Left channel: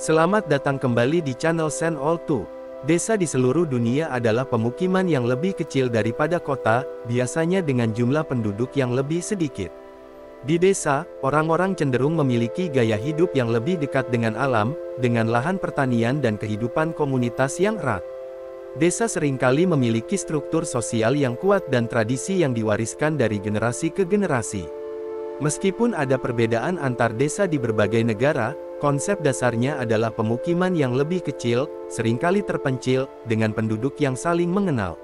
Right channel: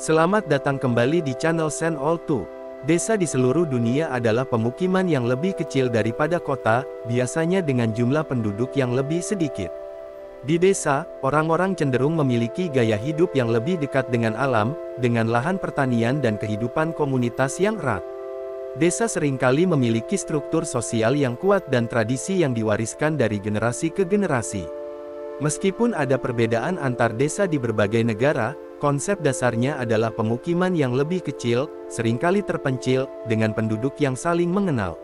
Selamat datang kembali di channel Sen All 2. Desa di seluruh dunia adalah pemukiman yang lebih kecil daripada kota, biasanya dengan jumlah penduduk yang lebih sedikit. Di desa, orang-orang cenderung memiliki gaya hidup yang lebih dekat dengan alam, dengan lahan pertanian dan kehidupan komunitas yang erat. Desa seringkali memiliki struktur sosial yang kuat dan tradisi yang diwariskan dari generasi ke generasi. Meskipun ada perbedaan antar desa di berbagai negara, konsep dasarnya adalah pemukiman yang lebih kecil, seringkali terpencil, dengan penduduk yang saling mengenal.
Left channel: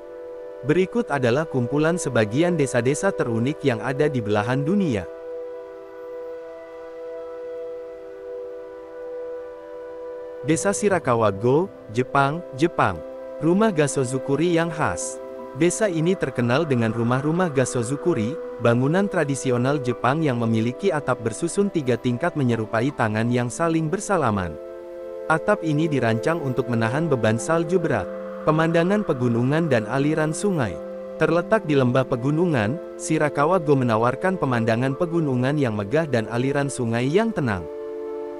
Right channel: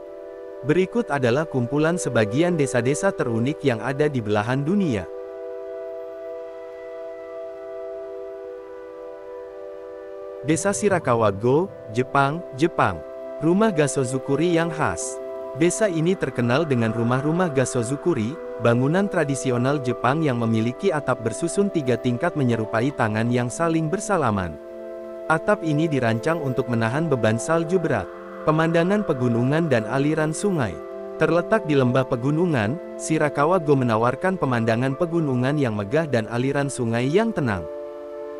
Berikut adalah kumpulan sebagian desa-desa terunik yang ada di belahan dunia. Desa Shirakawa Go, Jepang. Rumah Gasozukuri yang khas. Desa ini terkenal dengan rumah-rumah Gasozukuri, bangunan tradisional Jepang yang memiliki atap bersusun 3 tingkat menyerupai tangan yang saling bersalaman. Atap ini dirancang untuk menahan beban salju berat. Pemandangan pegunungan dan aliran sungai. Terletak di lembah pegunungan, Shirakawa Go menawarkan pemandangan pegunungan yang megah dan aliran sungai yang tenang.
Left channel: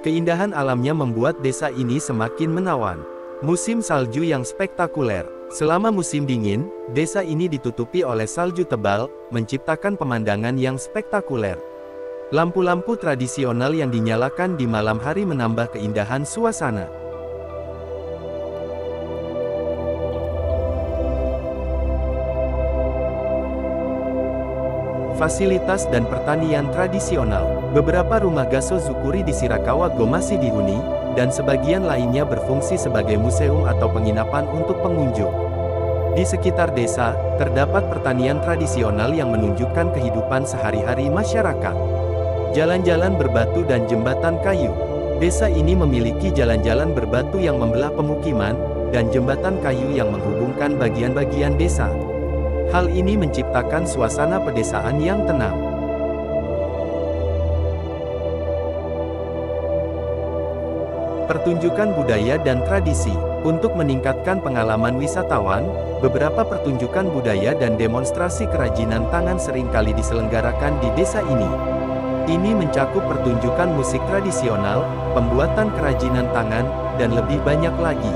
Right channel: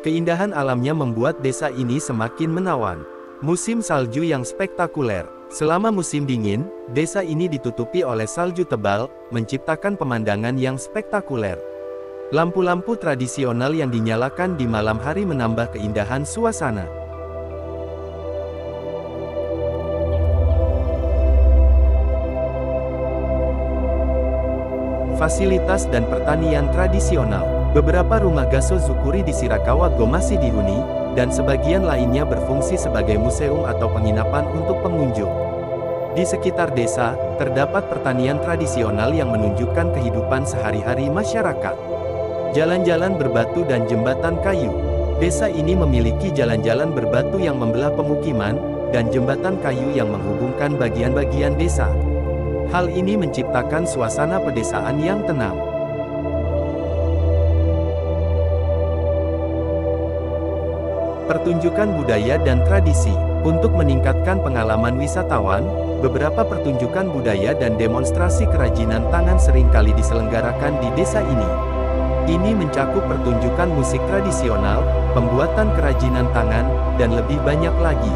Keindahan alamnya membuat desa ini semakin menawan. Musim salju yang spektakuler. Selama musim dingin, desa ini ditutupi oleh salju tebal, menciptakan pemandangan yang spektakuler. Lampu-lampu tradisional yang dinyalakan di malam hari menambah keindahan suasana. Fasilitas dan pertanian tradisional. Beberapa rumah Gasozukuri di Shirakawa Go masih dihuni, dan sebagian lainnya berfungsi sebagai museum atau penginapan untuk pengunjung. Di sekitar desa, terdapat pertanian tradisional yang menunjukkan kehidupan sehari-hari masyarakat. Jalan-jalan berbatu dan jembatan kayu. Desa ini memiliki jalan-jalan berbatu yang membelah pemukiman, dan jembatan kayu yang menghubungkan bagian-bagian desa. Hal ini menciptakan suasana pedesaan yang tenang. Pertunjukan budaya dan tradisi. Untuk meningkatkan pengalaman wisatawan, beberapa pertunjukan budaya dan demonstrasi kerajinan tangan seringkali diselenggarakan di desa ini. Ini mencakup pertunjukan musik tradisional, pembuatan kerajinan tangan, dan lebih banyak lagi.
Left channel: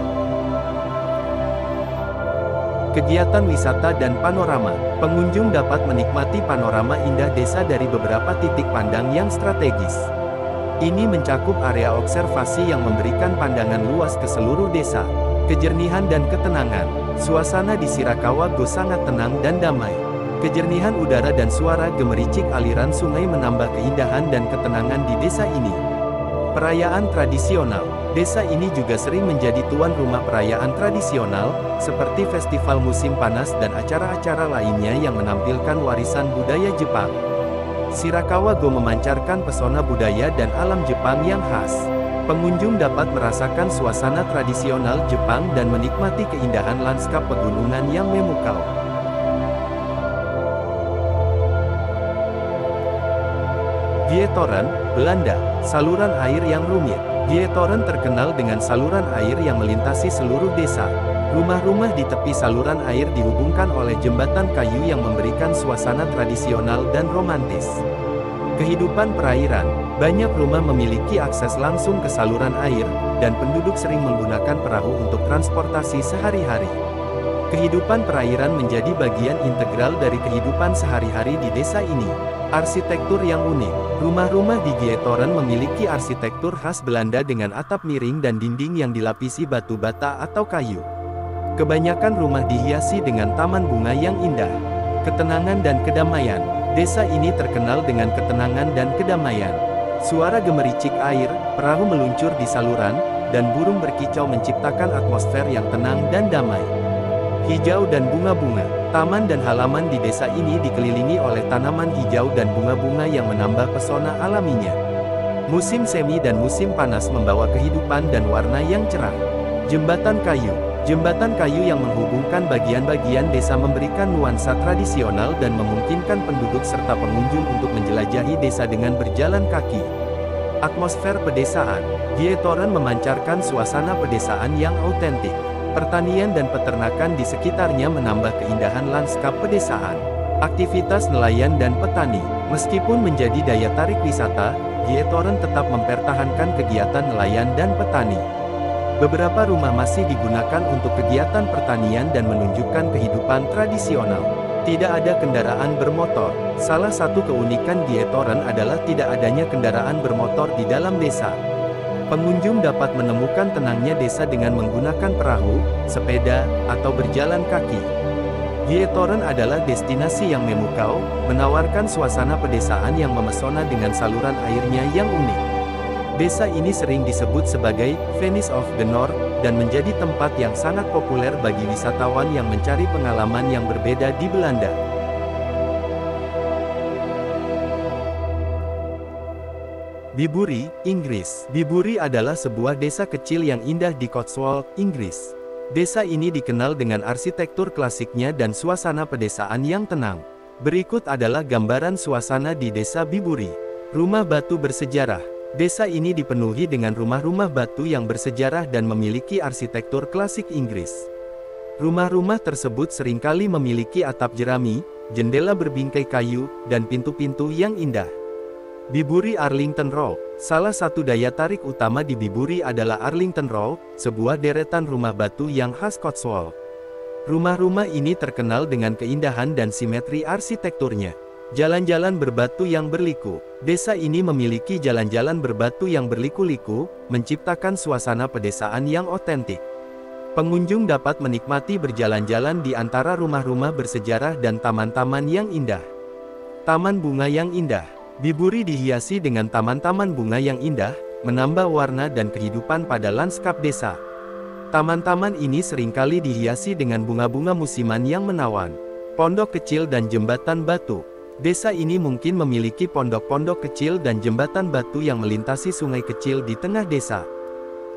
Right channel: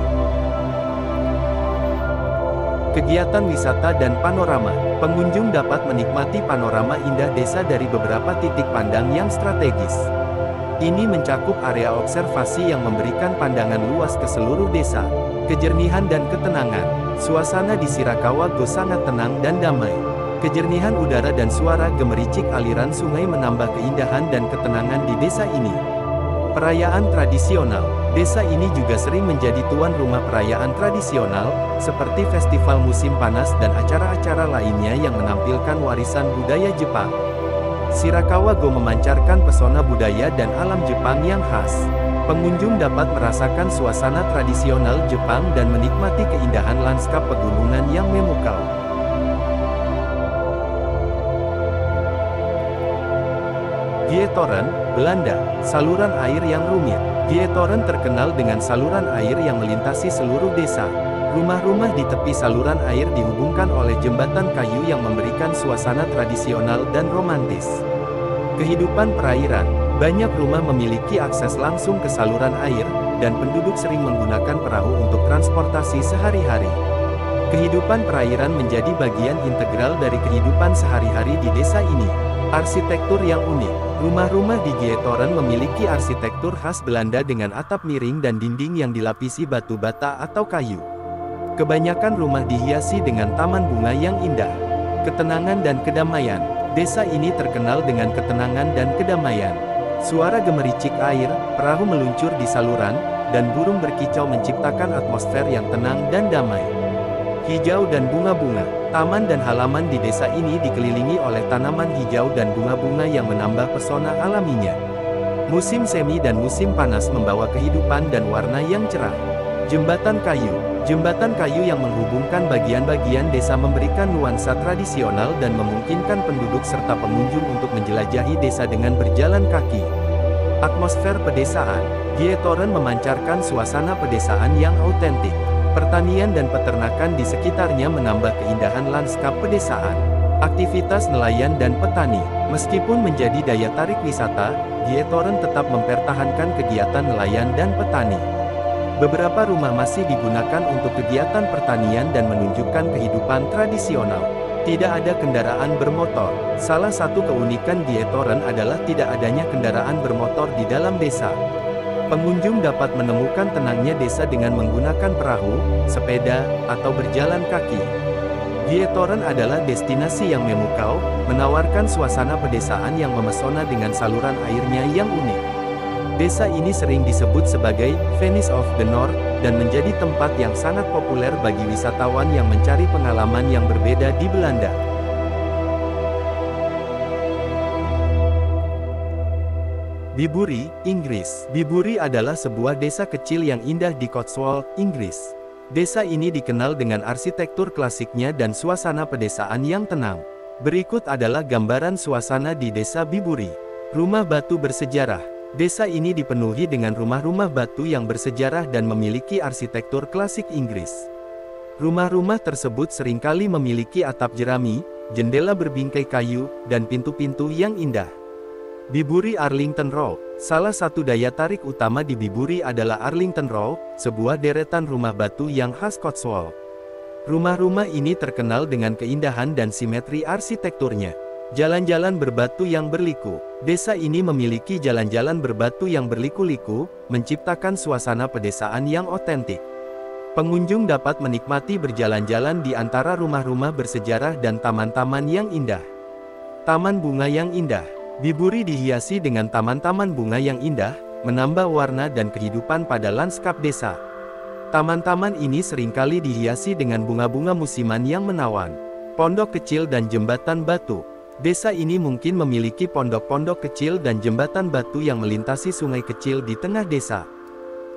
Kegiatan wisata dan panorama. Pengunjung dapat menikmati panorama indah desa dari beberapa titik pandang yang strategis. Ini mencakup area observasi yang memberikan pandangan luas ke seluruh desa. Kejernihan dan ketenangan. Suasana di Shirakawa Go sangat tenang dan damai. Kejernihan udara dan suara gemericik aliran sungai menambah keindahan dan ketenangan di desa ini. Perayaan tradisional. Desa ini juga sering menjadi tuan rumah perayaan tradisional, seperti festival musim panas dan acara-acara lainnya yang menampilkan warisan budaya Jepang. Shirakawa Go memancarkan pesona budaya dan alam Jepang yang khas. Pengunjung dapat merasakan suasana tradisional Jepang dan menikmati keindahan lanskap pegunungan yang memukau. Gietoren, Belanda. Saluran air yang rumit. Gietoren terkenal dengan saluran air yang melintasi seluruh desa. Rumah-rumah di tepi saluran air dihubungkan oleh jembatan kayu yang memberikan suasana tradisional dan romantis. Kehidupan perairan. Banyak rumah memiliki akses langsung ke saluran air, dan penduduk sering menggunakan perahu untuk transportasi sehari-hari. Kehidupan perairan menjadi bagian integral dari kehidupan sehari-hari di desa ini. Arsitektur yang unik. Rumah-rumah di Gietoren memiliki arsitektur khas Belanda dengan atap miring dan dinding yang dilapisi batu bata atau kayu. Kebanyakan rumah dihiasi dengan taman bunga yang indah. Ketenangan dan kedamaian. Desa ini terkenal dengan ketenangan dan kedamaian. Suara gemericik air, perahu meluncur di saluran, dan burung berkicau menciptakan atmosfer yang tenang dan damai. Hijau dan bunga-bunga. Taman dan halaman di desa ini dikelilingi oleh tanaman hijau dan bunga-bunga yang menambah pesona alaminya. Musim semi dan musim panas membawa kehidupan dan warna yang cerah. Jembatan kayu. Jembatan kayu yang menghubungkan bagian-bagian desa memberikan nuansa tradisional dan memungkinkan penduduk serta pengunjung untuk menjelajahi desa dengan berjalan kaki. Atmosfer pedesaan. Gietoren memancarkan suasana pedesaan yang autentik. Pertanian dan peternakan di sekitarnya menambah keindahan lanskap pedesaan. Aktivitas nelayan dan petani. Meskipun menjadi daya tarik wisata, Gietoren tetap mempertahankan kegiatan nelayan dan petani. Beberapa rumah masih digunakan untuk kegiatan pertanian dan menunjukkan kehidupan tradisional. Tidak ada kendaraan bermotor. Salah satu keunikan Gietoren adalah tidak adanya kendaraan bermotor di dalam desa. Pengunjung dapat menemukan tenangnya desa dengan menggunakan perahu, sepeda, atau berjalan kaki. Gietoren adalah destinasi yang memukau, menawarkan suasana pedesaan yang memesona dengan saluran airnya yang unik. Desa ini sering disebut sebagai Venice of the North, dan menjadi tempat yang sangat populer bagi wisatawan yang mencari pengalaman yang berbeda di Belanda. Bibury, Inggris. Bibury adalah sebuah desa kecil yang indah di Cotswold, Inggris. Desa ini dikenal dengan arsitektur klasiknya dan suasana pedesaan yang tenang. Berikut adalah gambaran suasana di desa Bibury. Rumah batu bersejarah. Desa ini dipenuhi dengan rumah-rumah batu yang bersejarah dan memiliki arsitektur klasik Inggris. Rumah-rumah tersebut seringkali memiliki atap jerami, jendela berbingkai kayu, dan pintu-pintu yang indah. Bibury Arlington Road. Salah satu daya tarik utama di Bibury adalah Arlington Road, sebuah deretan rumah batu yang khas Cotswold. Rumah-rumah ini terkenal dengan keindahan dan simetri arsitekturnya. Jalan-jalan berbatu yang berliku. Desa ini memiliki jalan-jalan berbatu yang berliku-liku, menciptakan suasana pedesaan yang otentik. Pengunjung dapat menikmati berjalan-jalan di antara rumah-rumah bersejarah dan taman-taman yang indah. Taman bunga yang indah. Bibury dihiasi dengan taman-taman bunga yang indah, menambah warna dan kehidupan pada lanskap desa. Taman-taman ini seringkali dihiasi dengan bunga-bunga musiman yang menawan. Pondok kecil dan jembatan batu. Desa ini mungkin memiliki pondok-pondok kecil dan jembatan batu yang melintasi sungai kecil di tengah desa.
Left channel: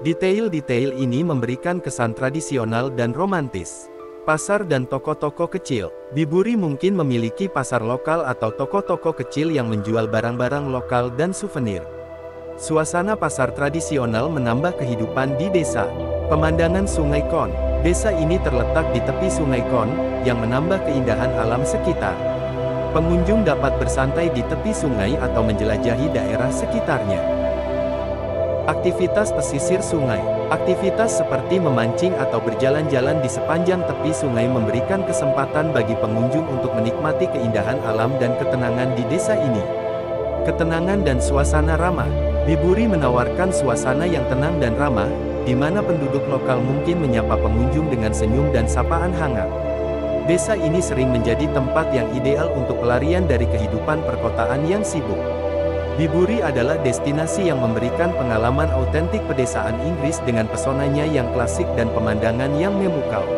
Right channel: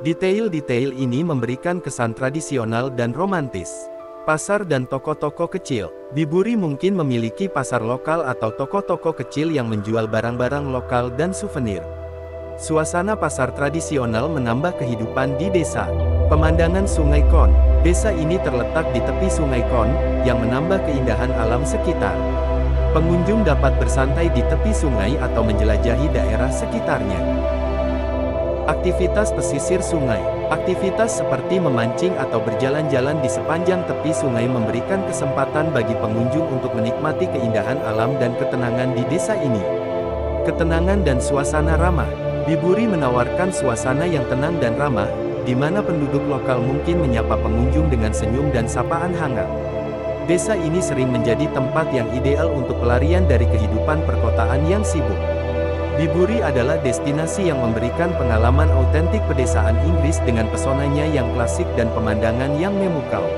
Detail-detail ini memberikan kesan tradisional dan romantis. Pasar dan toko-toko kecil. Bibury mungkin memiliki pasar lokal atau toko-toko kecil yang menjual barang-barang lokal dan souvenir. Suasana pasar tradisional menambah kehidupan di desa. Pemandangan Sungai Kon. Desa ini terletak di tepi Sungai Kon, yang menambah keindahan alam sekitar. Pengunjung dapat bersantai di tepi sungai atau menjelajahi daerah sekitarnya. Aktivitas pesisir sungai. Aktivitas seperti memancing atau berjalan-jalan di sepanjang tepi sungai memberikan kesempatan bagi pengunjung untuk menikmati keindahan alam dan ketenangan di desa ini. Ketenangan dan suasana ramah. Bibury menawarkan suasana yang tenang dan ramah, di mana penduduk lokal mungkin menyapa pengunjung dengan senyum dan sapaan hangat. Desa ini sering menjadi tempat yang ideal untuk pelarian dari kehidupan perkotaan yang sibuk. Bibury adalah destinasi yang memberikan pengalaman autentik pedesaan Inggris dengan pesonanya yang klasik dan pemandangan yang memukau.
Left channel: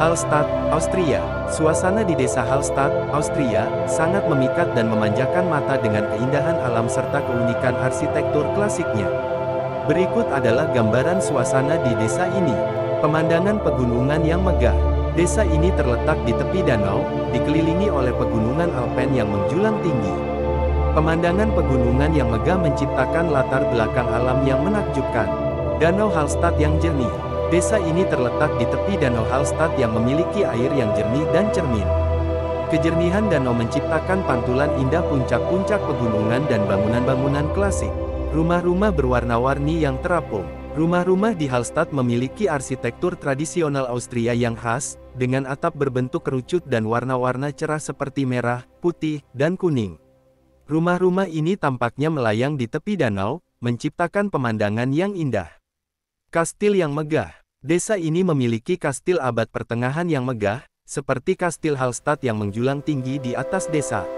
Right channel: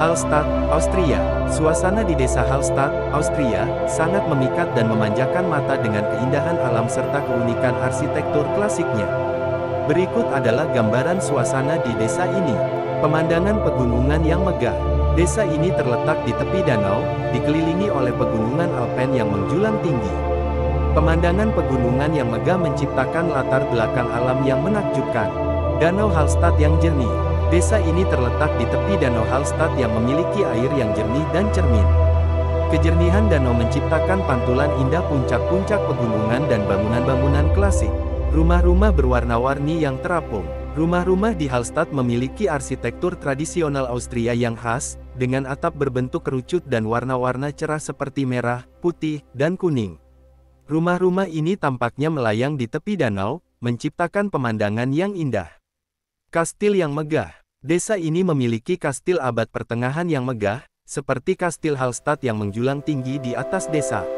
Hallstatt, Austria. Suasana di desa Hallstatt, Austria, sangat memikat dan memanjakan mata dengan keindahan alam serta keunikan arsitektur klasiknya. Berikut adalah gambaran suasana di desa ini. Pemandangan pegunungan yang megah. Desa ini terletak di tepi danau, dikelilingi oleh pegunungan Alpen yang menjulang tinggi. Pemandangan pegunungan yang megah menciptakan latar belakang alam yang menakjubkan. Danau Hallstatt yang jernih. Desa ini terletak di tepi Danau Hallstatt yang memiliki air yang jernih dan cermin. Kejernihan danau menciptakan pantulan indah puncak-puncak pegunungan dan bangunan-bangunan klasik. Rumah-rumah berwarna-warni yang terapung. Rumah-rumah di Hallstatt memiliki arsitektur tradisional Austria yang khas, dengan atap berbentuk kerucut dan warna-warna cerah seperti merah, putih, dan kuning. Rumah-rumah ini tampaknya melayang di tepi danau, menciptakan pemandangan yang indah. Kastil yang megah. Desa ini memiliki kastil abad pertengahan yang megah, seperti Kastil Hallstatt yang menjulang tinggi di atas desa.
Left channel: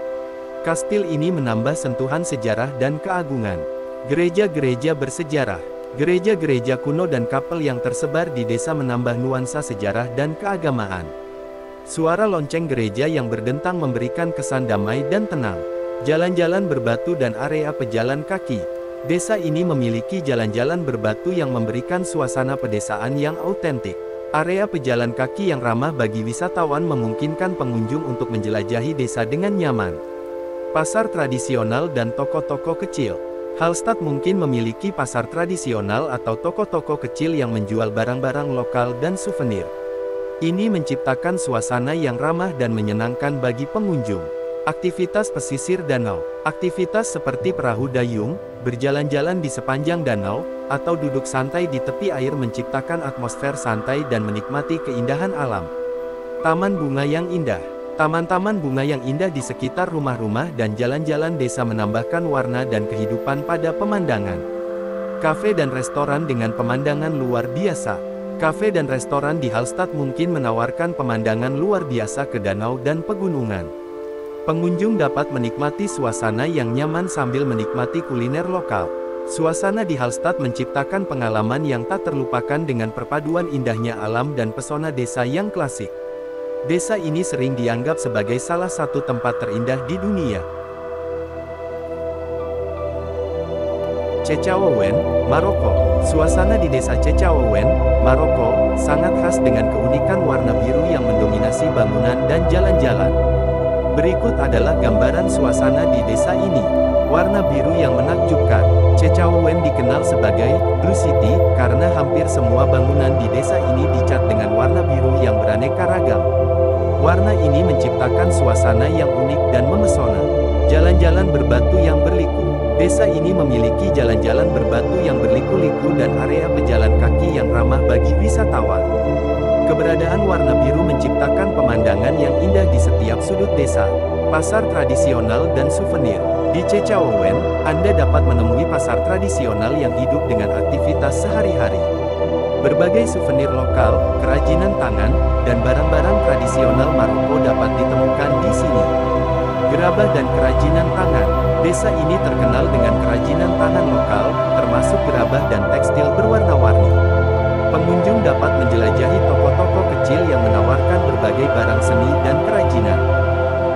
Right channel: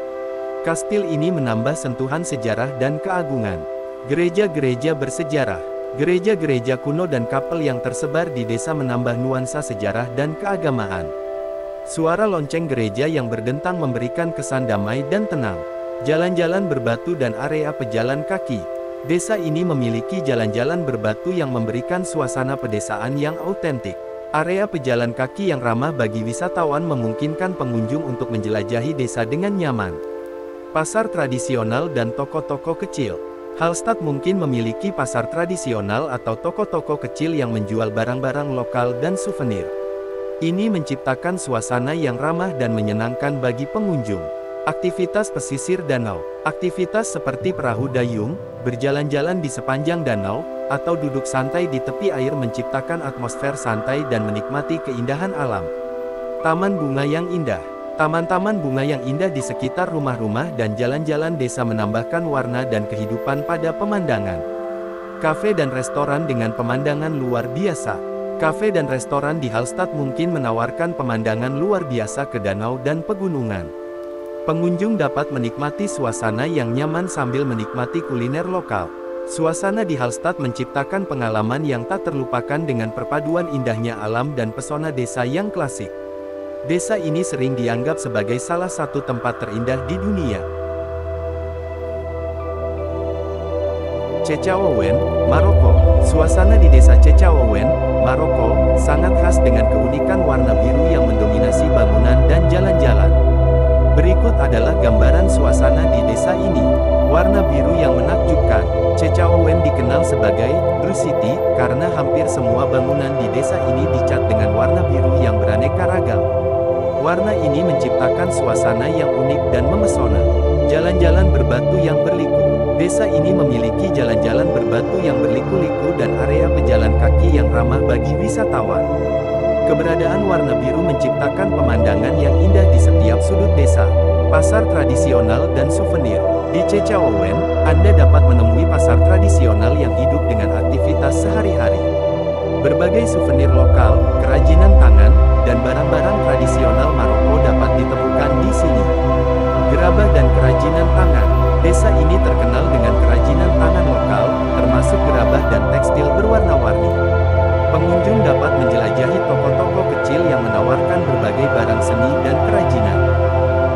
Kastil ini menambah sentuhan sejarah dan keagungan. Gereja-gereja bersejarah. Gereja-gereja kuno dan kapel yang tersebar di desa menambah nuansa sejarah dan keagamaan. Suara lonceng gereja yang berdentang memberikan kesan damai dan tenang. Jalan-jalan berbatu dan area pejalan kaki. Desa ini memiliki jalan-jalan berbatu yang memberikan suasana pedesaan yang autentik. Area pejalan kaki yang ramah bagi wisatawan memungkinkan pengunjung untuk menjelajahi desa dengan nyaman. Pasar tradisional dan toko-toko kecil. Hallstatt mungkin memiliki pasar tradisional atau toko-toko kecil yang menjual barang-barang lokal dan souvenir. Ini menciptakan suasana yang ramah dan menyenangkan bagi pengunjung. Aktivitas pesisir danau. Aktivitas seperti perahu dayung, berjalan-jalan di sepanjang danau, atau duduk santai di tepi air menciptakan atmosfer santai dan menikmati keindahan alam. Taman bunga yang indah. Taman-taman bunga yang indah di sekitar rumah-rumah dan jalan-jalan desa menambahkan warna dan kehidupan pada pemandangan. Kafe dan restoran dengan pemandangan luar biasa. Kafe dan restoran di Hallstatt mungkin menawarkan pemandangan luar biasa ke danau dan pegunungan. Pengunjung dapat menikmati suasana yang nyaman sambil menikmati kuliner lokal. Suasana di Hallstatt menciptakan pengalaman yang tak terlupakan dengan perpaduan indahnya alam dan pesona desa yang klasik. Desa ini sering dianggap sebagai salah satu tempat terindah di dunia. Cechaouen, Maroko. Suasana di desa Cechaouen, Maroko, sangat khas dengan keunikan warna biru yang mendominasi bangunan dan jalan-jalan. Berikut adalah gambaran suasana di desa ini. Warna biru yang menakjubkan. Cechaouen dikenal sebagai Blue City karena hampir semua bangunan di desa ini dicat dengan warna biru yang beraneka ragam. Warna ini menciptakan suasana yang unik dan memesona. Jalan-jalan berbatu yang berliku. Desa ini memiliki jalan-jalan berbatu yang berliku-liku dan area pejalan kaki yang ramah bagi wisatawan. Keberadaan warna biru menciptakan pemandangan yang indah di setiap sudut desa. Pasar tradisional dan souvenir. Di Cechaouen, Anda dapat menemui pasar tradisional yang hidup dengan aktivitas sehari-hari. Berbagai souvenir lokal, kerajinan tangan, dan barang-barang tradisional Maroko dapat ditemukan di sini. Gerabah dan kerajinan tangan. Desa ini terkenal dengan kerajinan tangan lokal, termasuk gerabah dan tekstil berwarna-warni. Pengunjung dapat menjelajahi toko-toko kecil yang menawarkan berbagai barang seni dan kerajinan.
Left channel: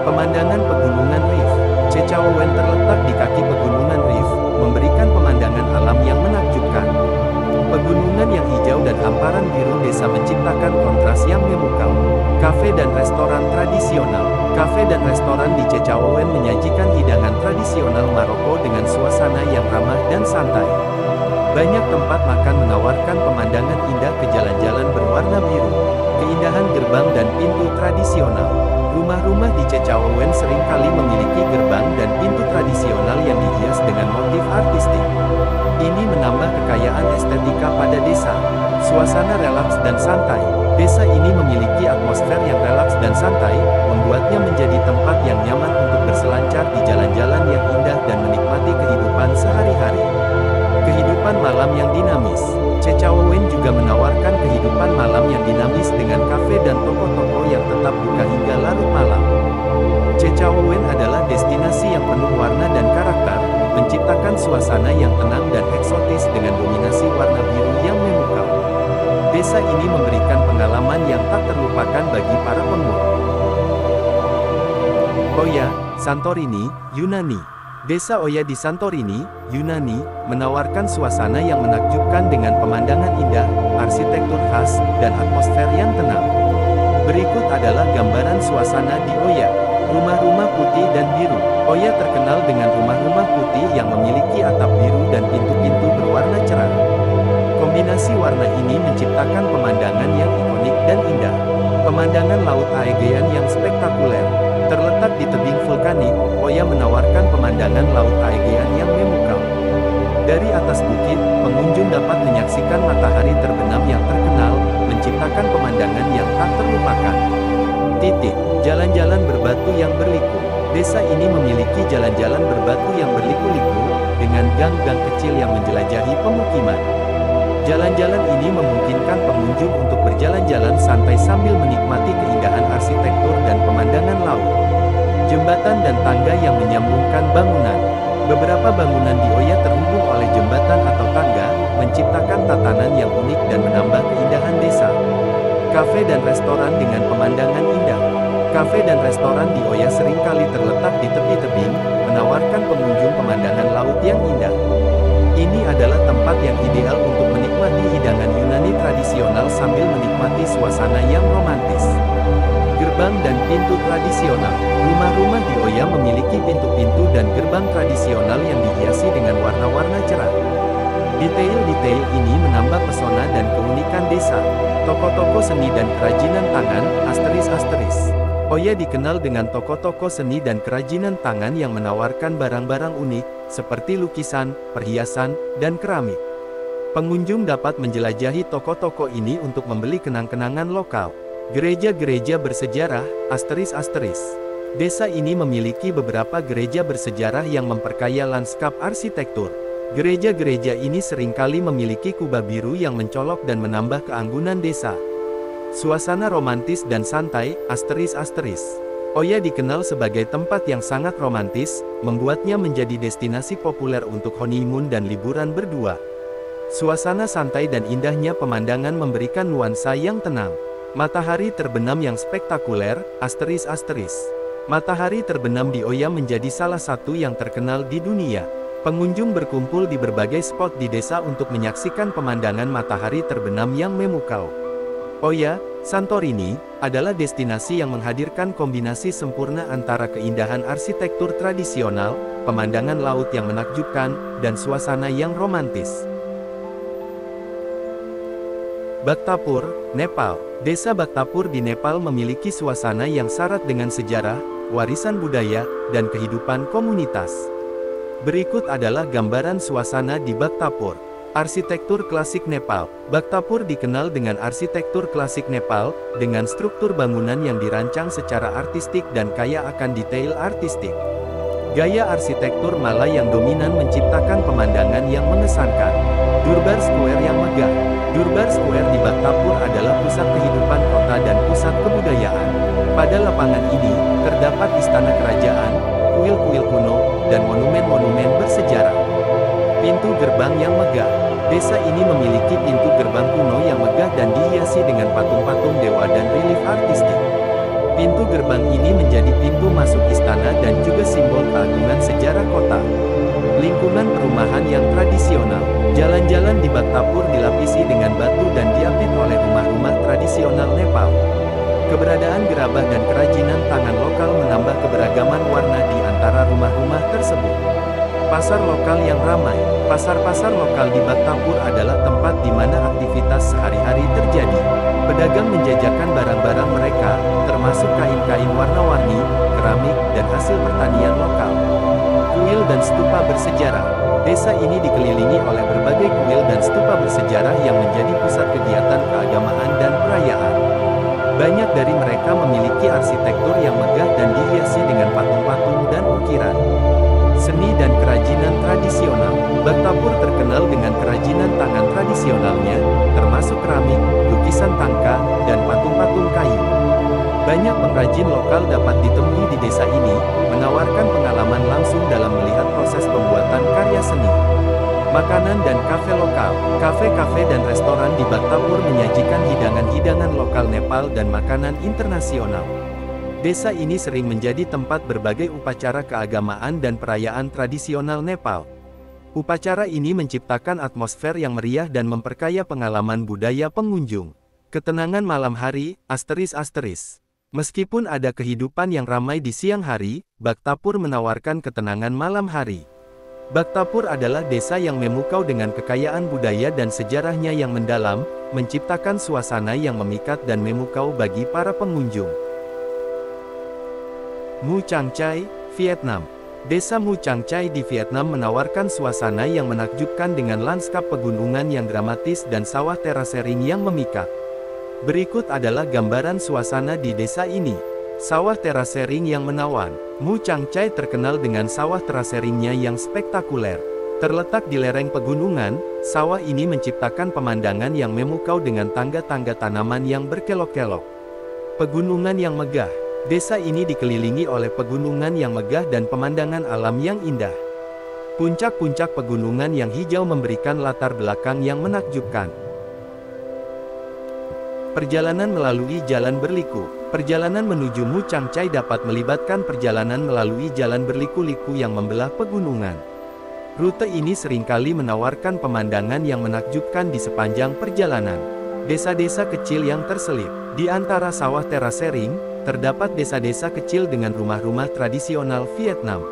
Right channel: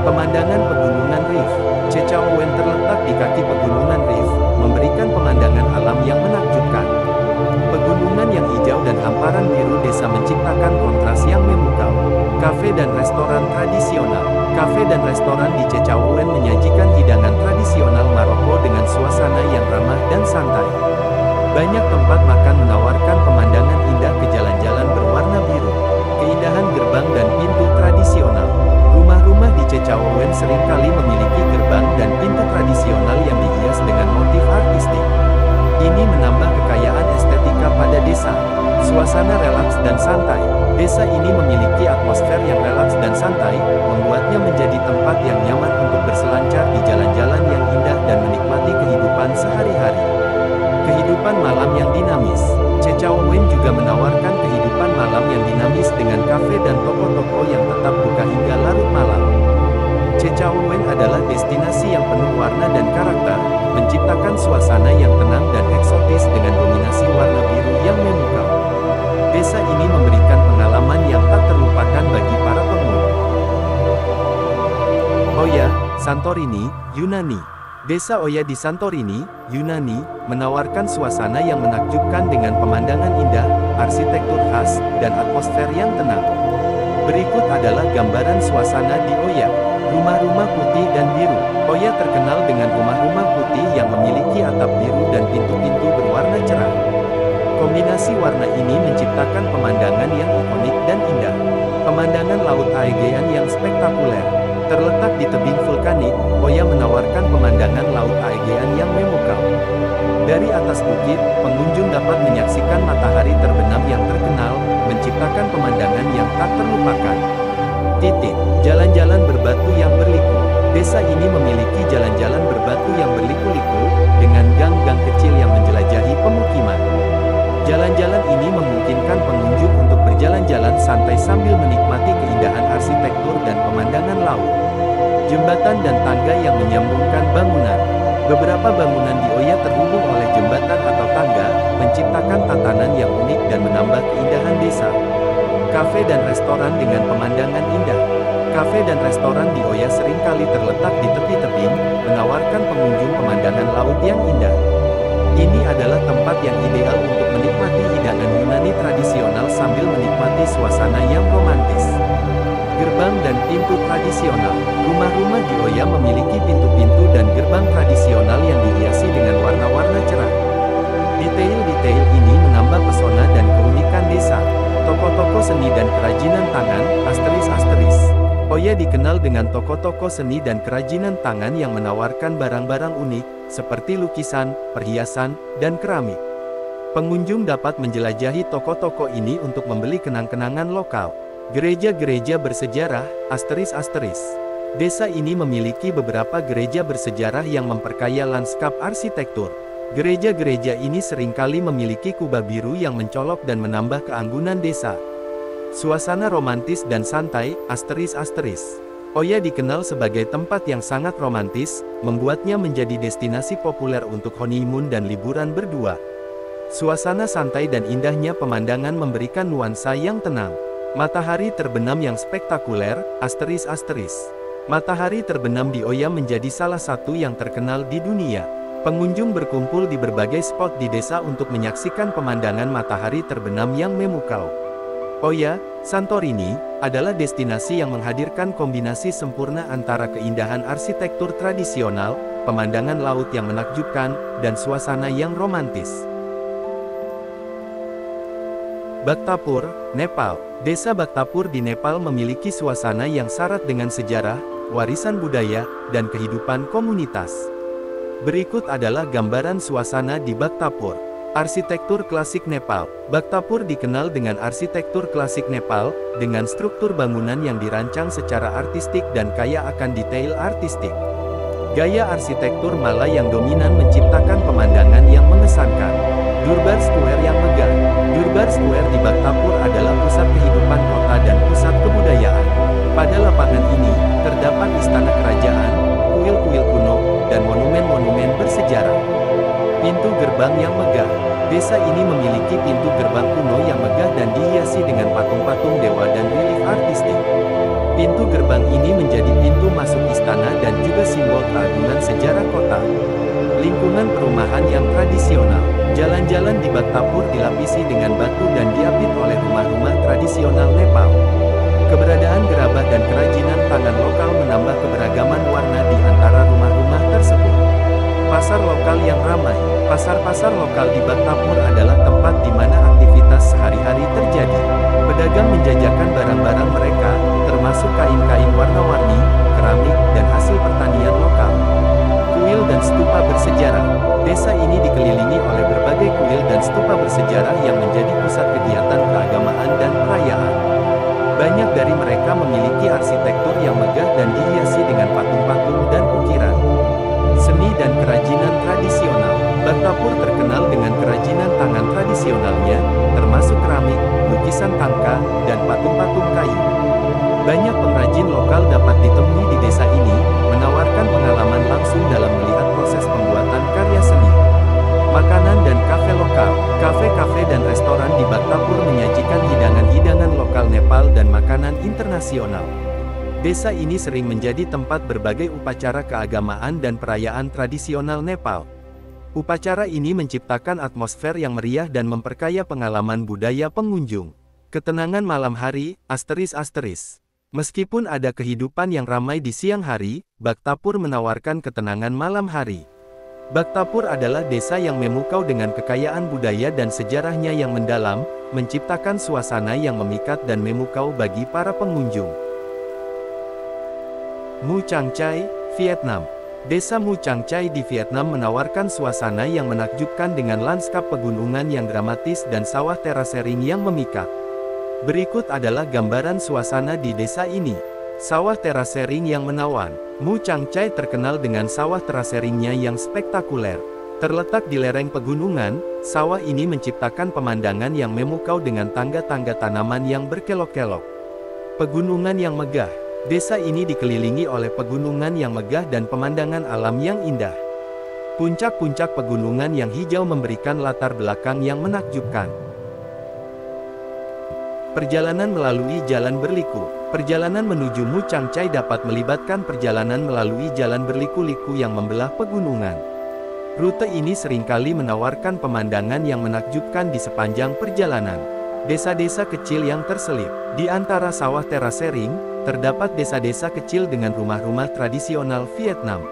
Pemandangan pegunungan Rif. Cechaouen terletak di kaki pegunungan Rif, memberikan pemandangan alam yang menakjubkan. Pegunungan yang hijau dan hamparan biru desa menciptakan kontras yang memukau. Kafe dan restoran tradisional. Kafe dan restoran di Cechaouen menyajikan hidangan tradisional Maroko dengan suasana yang ramah dan santai. Banyak tempat makan menawarkan pemandangan indah ke jalan-jalan berwarna biru. Keindahan gerbang dan pintu tradisional. Rumah-rumah di Cechaouen seringkali memiliki gerbang dan pintu tradisional yang dihias dengan motif artistik. Ini menambah kekayaan estetika pada desa. Suasana relaks dan santai. Desa ini memiliki atmosfer yang relaks dan santai, membuatnya menjadi tempat yang nyaman untuk berselancar di jalan-jalan yang indah dan menikmati kehidupan sehari-hari. Kehidupan malam yang dinamis. Cechaouen juga menawarkan kehidupan malam yang dinamis dengan kafe dan toko-toko yang tetap buka hingga larut malam. Cechaouen adalah destinasi yang penuh warna dan karakter, menciptakan suasana yang tenang dan eksotis dengan dominasi warna biru yang memukau. Desa ini memberikan pengalaman yang tak terlupakan bagi para pengunjung. Oya, Santorini, Yunani. Desa Oya di Santorini, Yunani, menawarkan suasana yang menakjubkan dengan pemandangan indah, arsitektur khas, dan atmosfer yang tenang. Berikut adalah gambaran suasana di Oya. Rumah-rumah putih dan biru. Oya terkenal dengan rumah-rumah putih yang memiliki atap biru dan pintu-pintu berwarna cerah. Kombinasi warna ini menciptakan pemandangan yang ikonik dan indah. Pemandangan Laut Aegean yang spektakuler. Terletak di tebing vulkanik, Oya menawarkan pemandangan Laut Aegean yang memukau. Dari atas bukit, pengunjung dapat menyaksikan matahari terbenam yang terkenal, menciptakan pemandangan yang tak terlupakan. Jalan-jalan berbatu yang berliku. Desa ini memiliki jalan-jalan berbatu yang berliku-liku, dengan gang-gang kecil yang menjelajahi pemukiman. Jalan-jalan ini memungkinkan pengunjung untuk berjalan-jalan santai sambil menikmati keindahan arsitektur dan pemandangan laut. Jembatan dan tangga yang menyambungkan bangunan. Beberapa bangunan di Oya terhubung oleh jembatan atau tangga, menciptakan tatanan yang unik dan menambah keindahan desa. Kafe dan restoran dengan pemandangan indah. Kafe dan restoran di Oya seringkali terletak di tepi tebing, menawarkan pengunjung pemandangan laut yang indah. Ini adalah tempat yang ideal untuk menikmati hidangan Yunani tradisional sambil menikmati suasana yang romantis. Gerbang dan pintu tradisional. Rumah-rumah di Oya memiliki pintu-pintu dan gerbang tradisional yang dihiasi dengan warna-warna cerah. Detail-detail ini menambah pesona dan keunikan desa. Toko-toko seni dan kerajinan tangan, asteris. Oya dikenal dengan toko-toko seni dan kerajinan tangan yang menawarkan barang-barang unik, seperti lukisan, perhiasan, dan keramik. Pengunjung dapat menjelajahi toko-toko ini untuk membeli kenang-kenangan lokal. Gereja-gereja bersejarah, asteris. Desa ini memiliki beberapa gereja bersejarah yang memperkaya lanskap arsitektur. Gereja-gereja ini seringkali memiliki kubah biru yang mencolok dan menambah keanggunan desa. Suasana romantis dan santai, asteris. Oya dikenal sebagai tempat yang sangat romantis, membuatnya menjadi destinasi populer untuk honeymoon dan liburan berdua. Suasana santai dan indahnya pemandangan memberikan nuansa yang tenang. Matahari terbenam yang spektakuler, asteris. Matahari terbenam di Oya menjadi salah satu yang terkenal di dunia. Pengunjung berkumpul di berbagai spot di desa untuk menyaksikan pemandangan matahari terbenam yang memukau. Oya, Santorini, adalah destinasi yang menghadirkan kombinasi sempurna antara keindahan arsitektur tradisional, pemandangan laut yang menakjubkan, dan suasana yang romantis. Bhaktapur, Nepal. Desa Bhaktapur di Nepal memiliki suasana yang syarat dengan sejarah, warisan budaya, dan kehidupan komunitas. Berikut adalah gambaran suasana di Bhaktapur. Arsitektur klasik Nepal. Bhaktapur dikenal dengan arsitektur klasik Nepal, dengan struktur bangunan yang dirancang secara artistik dan kaya akan detail artistik. Gaya arsitektur Malay yang dominan menciptakan pemandangan yang mengesankan. Durbar Square yang megah. Durbar Square di Bhaktapur adalah pusat kehidupan kota dan pusat kebudayaan. Pada lapangan ini, terdapat istana kerajaan, kuil-kuil kuno, dan monumen-monumen bersejarah. Pintu gerbang yang megah. Desa ini memiliki pintu gerbang kuno yang megah dan dihiasi dengan patung-patung dewa dan relief artistik. Pintu gerbang ini menjadi pintu masuk istana dan juga simbol keagungan sejarah kota. Lingkungan perumahan yang tradisional. Jalan-jalan di Bhaktapur dilapisi dengan batu dan diapit oleh rumah-rumah tradisional Nepal. Keberadaan gerabah dan kerajinan tangan lokal menambah keberagaman warna di antara rumah-rumah tersebut. Pasar lokal yang ramai. Pasar-pasar lokal di Bhaktapur adalah tempat di mana aktivitas sehari-hari terjadi. Pedagang menjajakan barang-barang mereka, termasuk kain-kain warna-warni, keramik, dan hasil pertanian lokal. Kuil dan stupa bersejarah. Desa ini dikelilingi oleh berbagai kuil dan stupa bersejarah yang menjadi pusat kegiatan keagamaan dan perayaan. Banyak dari mereka memiliki arsitektur yang megah dan dihiasi dengan patung-patung dan ukiran. Seni dan kerajinan tradisional. Bhaktapur terkenal dengan kerajinan tangan tradisionalnya, termasuk keramik, lukisan tangka, dan patung-patung kayu. Banyak pengrajin lokal dapat ditemui di desa ini, menawarkan pengalaman langsung dalam melihat proses pembuatan karya seni. Makanan dan kafe lokal. Kafe-kafe dan restoran di Bhaktapur menyajikan hidangan-hidangan lokal Nepal dan makanan internasional. Desa ini sering menjadi tempat berbagai upacara keagamaan dan perayaan tradisional Nepal. Upacara ini menciptakan atmosfer yang meriah dan memperkaya pengalaman budaya pengunjung. Ketenangan malam hari, asteris. Meskipun ada kehidupan yang ramai di siang hari, Bhaktapur menawarkan ketenangan malam hari. Bhaktapur adalah desa yang memukau dengan kekayaan budaya dan sejarahnya yang mendalam, menciptakan suasana yang memikat dan memukau bagi para pengunjung. Mu Cang Chai, Vietnam. Desa Mu Cang Chai di Vietnam menawarkan suasana yang menakjubkan dengan lanskap pegunungan yang dramatis dan sawah terasering yang memikat. Berikut adalah gambaran suasana di desa ini. Sawah terasering yang menawan. Mu Cang Chai terkenal dengan sawah teraseringnya yang spektakuler. Terletak di lereng pegunungan, sawah ini menciptakan pemandangan yang memukau dengan tangga-tangga tanaman yang berkelok-kelok. Pegunungan yang megah. Desa ini dikelilingi oleh pegunungan yang megah dan pemandangan alam yang indah. Puncak-puncak pegunungan yang hijau memberikan latar belakang yang menakjubkan. Perjalanan melalui jalan berliku. Perjalanan menuju Mu Cang Chai dapat melibatkan perjalanan melalui jalan berliku-liku yang membelah pegunungan. Rute ini seringkali menawarkan pemandangan yang menakjubkan di sepanjang perjalanan. Desa-desa kecil yang terselip di antara sawah terasering, terdapat desa-desa kecil dengan rumah-rumah tradisional Vietnam.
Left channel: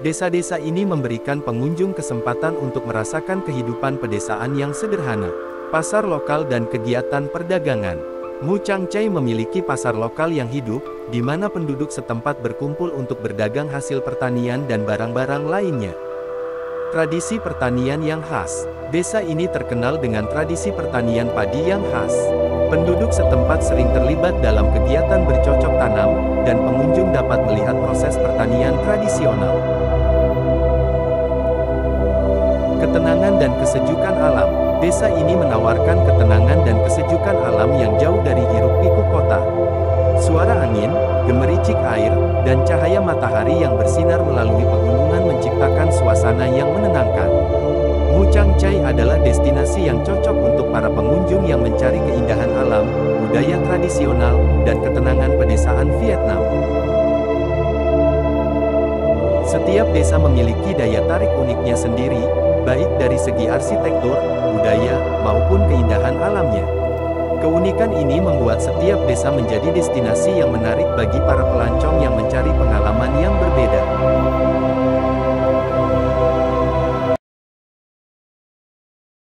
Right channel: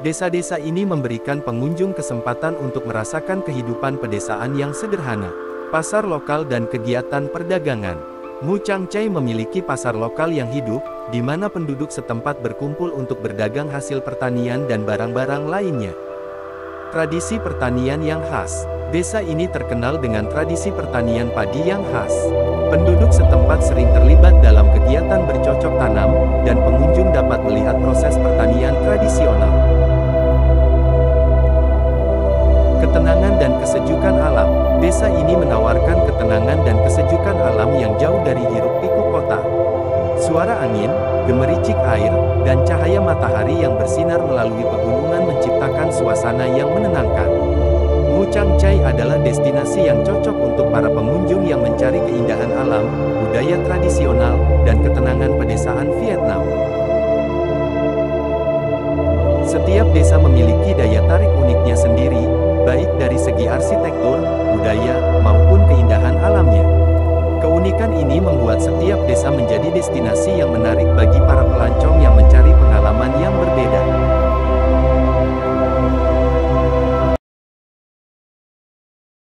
Desa-desa ini memberikan pengunjung kesempatan untuk merasakan kehidupan pedesaan yang sederhana, pasar lokal dan kegiatan perdagangan. Mu Chang Chai memiliki pasar lokal yang hidup, di mana penduduk setempat berkumpul untuk berdagang hasil pertanian dan barang-barang lainnya. Tradisi pertanian yang khas. Desa ini terkenal dengan tradisi pertanian padi yang khas. Penduduk setempat sering terlibat dalam kegiatan bercocok tanam, dan pengunjung dapat melihat proses pertanian tradisional. Ketenangan dan kesejukan alam. Desa ini menawarkan ketenangan dan kesejukan alam yang jauh dari hiruk-pikuk kota. Suara angin, gemericik air, dan cahaya matahari yang bersinar melalui pegunungan menciptakan suasana yang menenangkan. Mu Chang Chai adalah destinasi yang cocok untuk para pengunjung yang mencari keindahan alam, budaya tradisional, dan ketenangan pedesaan Vietnam. Setiap desa memiliki daya tarik uniknya sendiri, baik dari segi arsitektur, budaya, maupun keindahan alamnya. Keunikan ini membuat setiap desa menjadi destinasi yang menarik bagi para pelancong yang mencari pengalaman yang berbeda.